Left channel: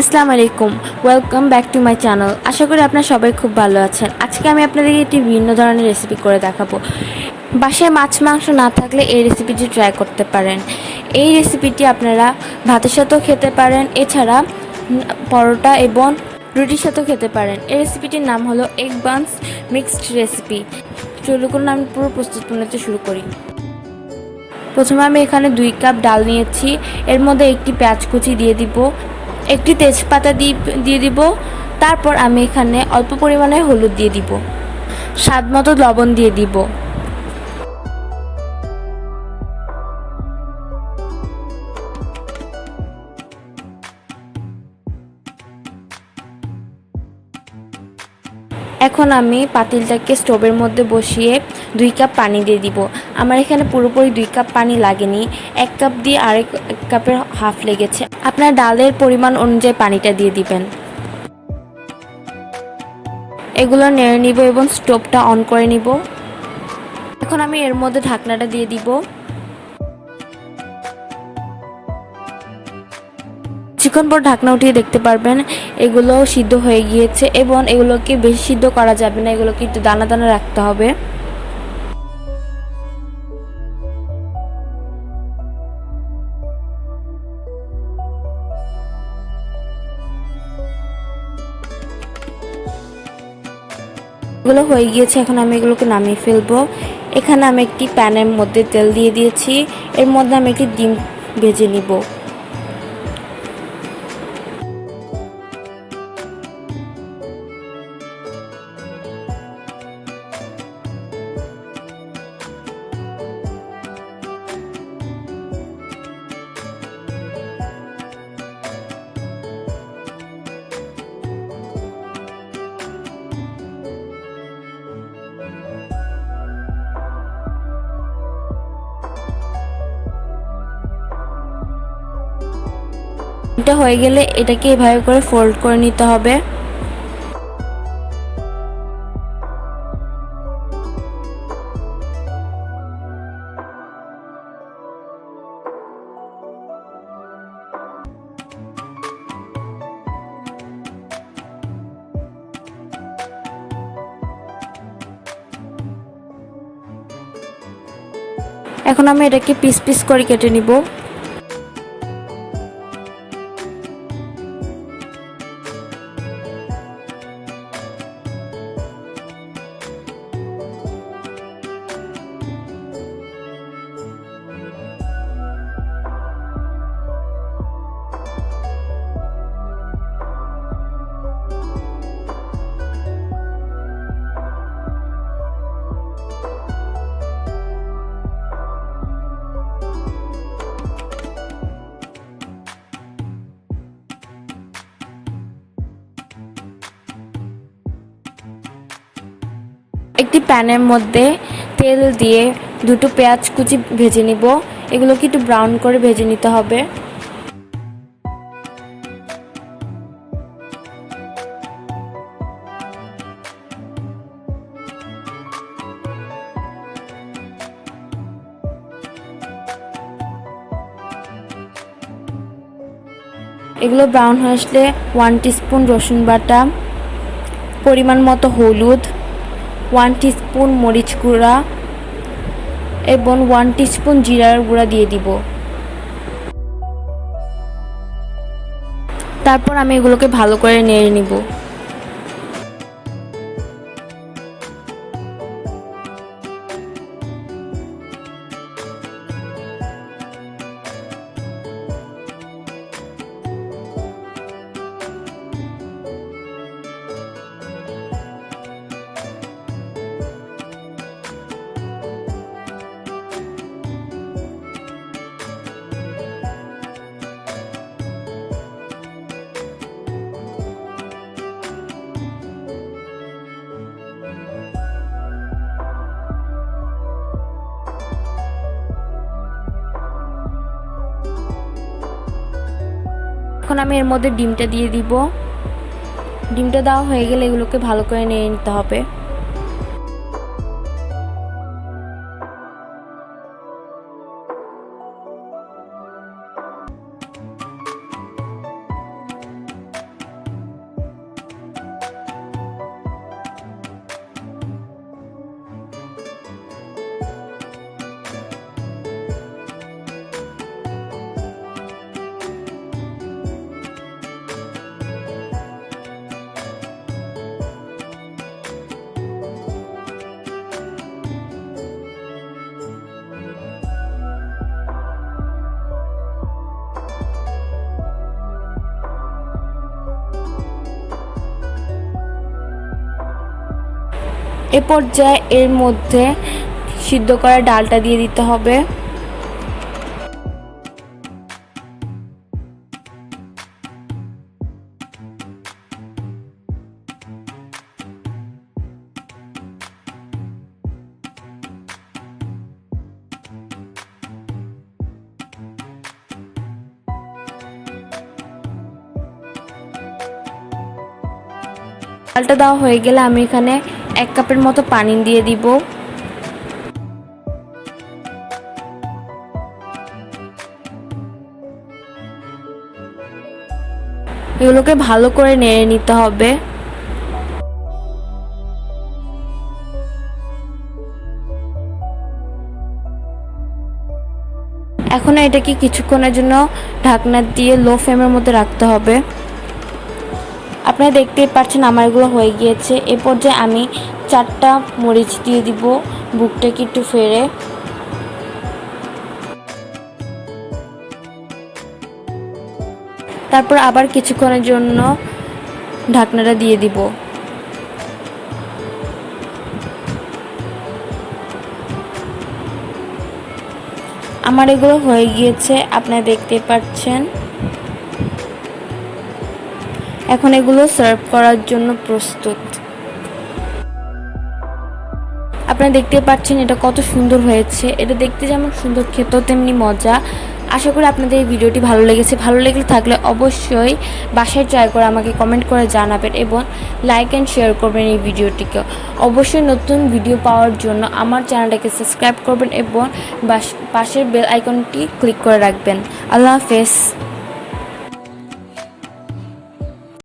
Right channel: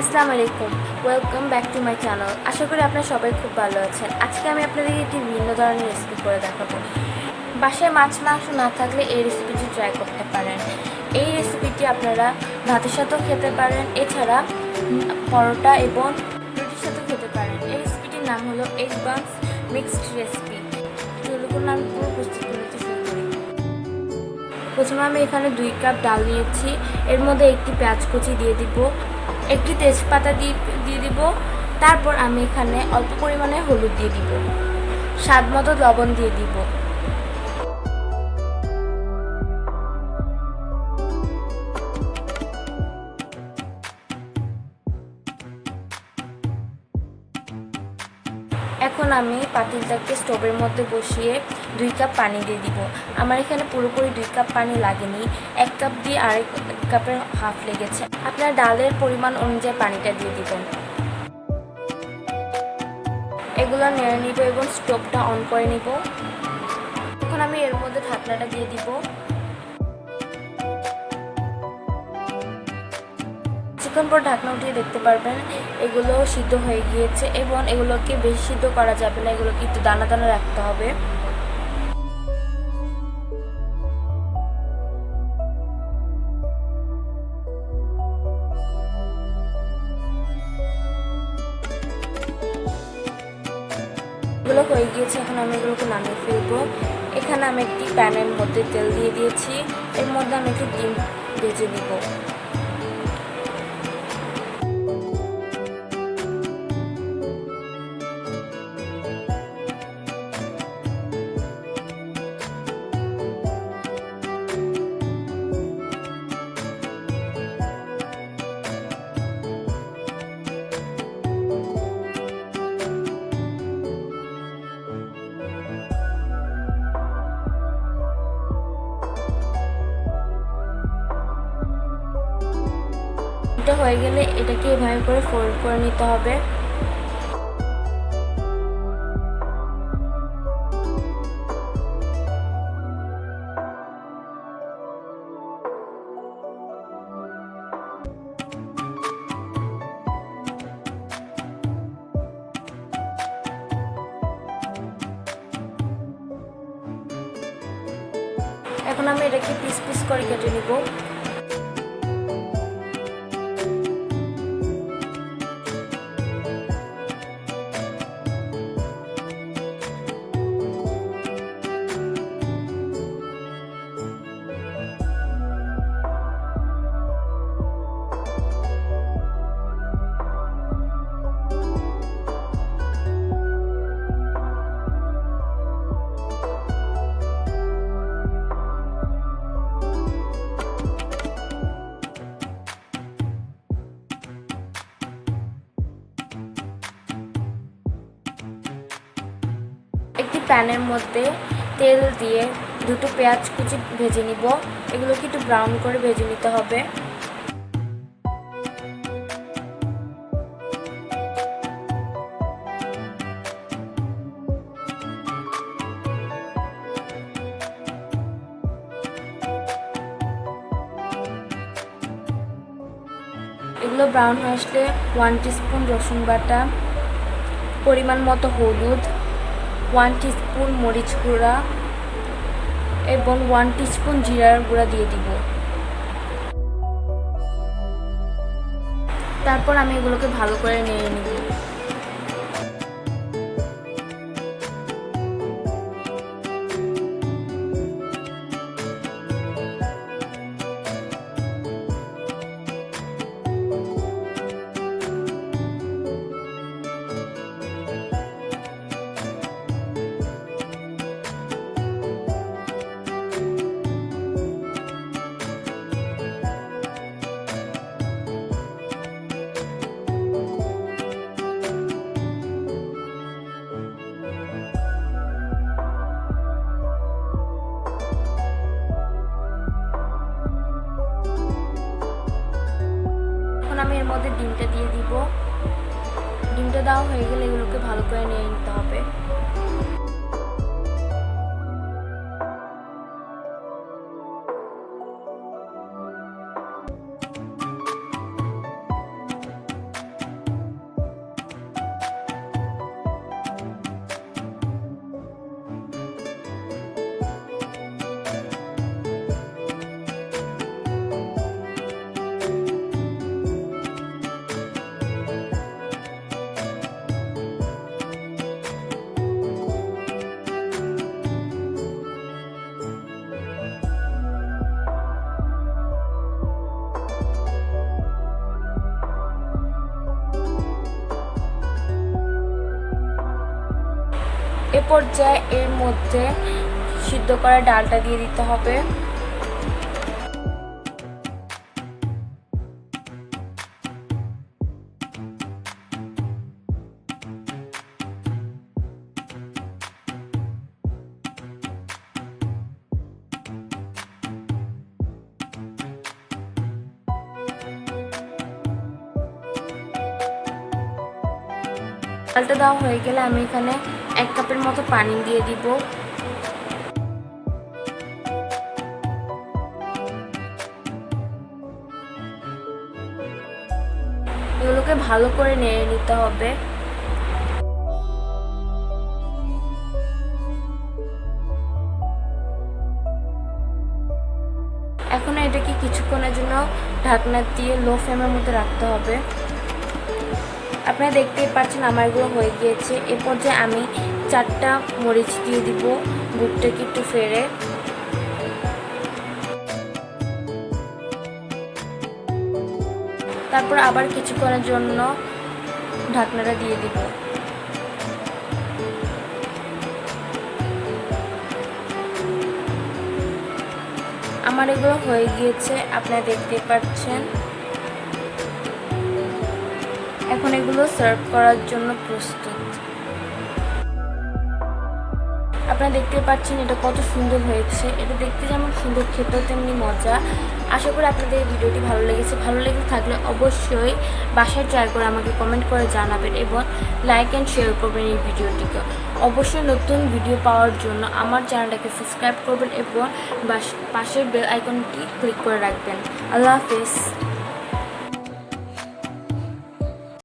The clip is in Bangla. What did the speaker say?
আসসালামু আলাইকুম, welcome back to my channel. আশা করি আপনারা সবাই খুব ভালো আছেন। আজকে আমি আপনাদেরকে একটি ভিন্ন ধরনের রেসিপি করে দেখাবো। বাসায় মাছ মাংস না থাকলে এই রেসিপিটি ট্রাই করতে পারেন। এই রেসিপিটি আপনারা ভাতের সাথেও খেতে পারেন, এছাড়া পরোটা এবং রুটির সাথেও খেতে পারেন। এই রেসিপিটির নাম হলো এগ বানস মিক্সড রেসিপি। চলুন আমি পুরো প্রস্তুত প্রণালী শুরু করি। প্রথমে আমি এখানে 2 কাপ ডাল নিয়েছি। এর মধ্যে একটি পেঁয়াজ কুচি দিয়ে দিব, একটি তেজপাতা দিয়ে দিব। তারপর আমি এখানে অল্প পরিমাণে হলুদ দিয়ে দিব, স্বাদ মতো লবণ দিয়ে দিব। এখন আমি পাতিলটাকে স্টোভের মধ্যে বসিয়ে 2 কাপ পানি দিয়ে দিব। আমার এখানে পুরোপুরি 2 কাপ পানি লাগেনি, 1 কাপ দিয়ে আরেক কাপের হাফ লেগেছে। আপনার ডালের পরিমাণ অনুযায়ী পানিটা দিয়ে দিবেন। এগুলো নেড়ে নিব এবং স্টোভটা অন করে নিব। এখন আমি এর মধ্যে ঢাকনাটা দিয়ে দিব। কিছুক্ষণ পর ঢাকনা উঠিয়ে দেখতে পারবেন এগুলো সিদ্ধ হয়ে গিয়েছে, এবং এগুলোকে বেশি সিদ্ধ করা যাবে না, এগুলোকে একটু দানা দানা রাখতে হবে। এগুলো হয়ে গিয়েছে, এখন আমি এগুলোকে নামিয়ে ফেলবো। এখানে আমি একটি প্যানের মধ্যে তেল দিয়ে দিয়েছি, এর মধ্যে আমি একটি ডিম ভেজে নিব। এটা হয়ে গেলে এটাকে এভাবে করে ফোল্ড করে নিতে হবে। এখন আমি এটাকে পিস পিস করে কেটে নিব। একটি প্যানের মধ্যে তেল দিয়ে 2টো পেঁয়াজ কুচি ভেজে নিব। এগুলোকে একটু ব্রাউন করে ভেজে নিতে হবে। এগুলো ব্রাউন হয়ে আসলে 1 টিস্পুন রসুন বাটা, পরিমাণ মতো হলুদ, 1 টিস্পুন মরিচ গুঁড়া এবং 1 টিস্পুন জিরার গুঁড়া দিয়ে দিব। তারপর আমি এগুলোকে ভালো করে নেড়ে নিব। এখন আমি এর মধ্যে ডিমটা দিয়ে দিব। ডিমটা দেওয়া হয়ে গেলে এগুলোকে ভালো করে নেড়ে নিতে হবে। এ পর্যায়ে এর মধ্যে সিদ্ধ করা ডালটা দিয়ে দিতে হবে। ডালটা দেওয়া হয়ে গেলে আমি এখানে 1 কাপের মতো পানি দিয়ে দিব। এগুলোকে ভালো করে নেড়ে নিতে হবে। এখন এটাকে কিছুক্ষণের জন্য ঢাকনা দিয়ে লো ফ্লেমের মধ্যে রাখতে হবে। আপনারা দেখতেই পাচ্ছেন আমার এগুলো হয়ে গিয়েছে। এ পর্যায়ে আমি 4টা মরিচ দিয়ে দিব, বুকটাকে একটু ফেরে। তারপর আবার কিছুক্ষণের জন্য ঢাকনাটা দিয়ে দিব। আমার এগুলো হয়ে গিয়েছে, আপনারা দেখতে পাচ্ছেন। এখন এগুলো সার্ভ করার জন্য প্রস্তুত। আপনারা দেখতে পাচ্ছেন এটা কত সুন্দর হয়েছে। এটা দেখতে যেমন সুন্দর, খেতেও তেমনি মজা। আশা করি আপনাদের এই ভিডিওটি ভালো লেগেছে। ভালো লেগে থাকলে অবশ্যই বাসায় ট্রাই করে আমাকে কমেন্ট করে জানাবেন এবং লাইক অ্যান্ড শেয়ার করবেন এই ভিডিওটিকে। অবশ্যই নতুন ভিডিও পাওয়ার জন্য আমার চ্যানেলটাকে সাবস্ক্রাইব করবেন এবং পাশের বেল আইকনটি ক্লিক করে রাখবেন। আল্লাহ হাফেজ।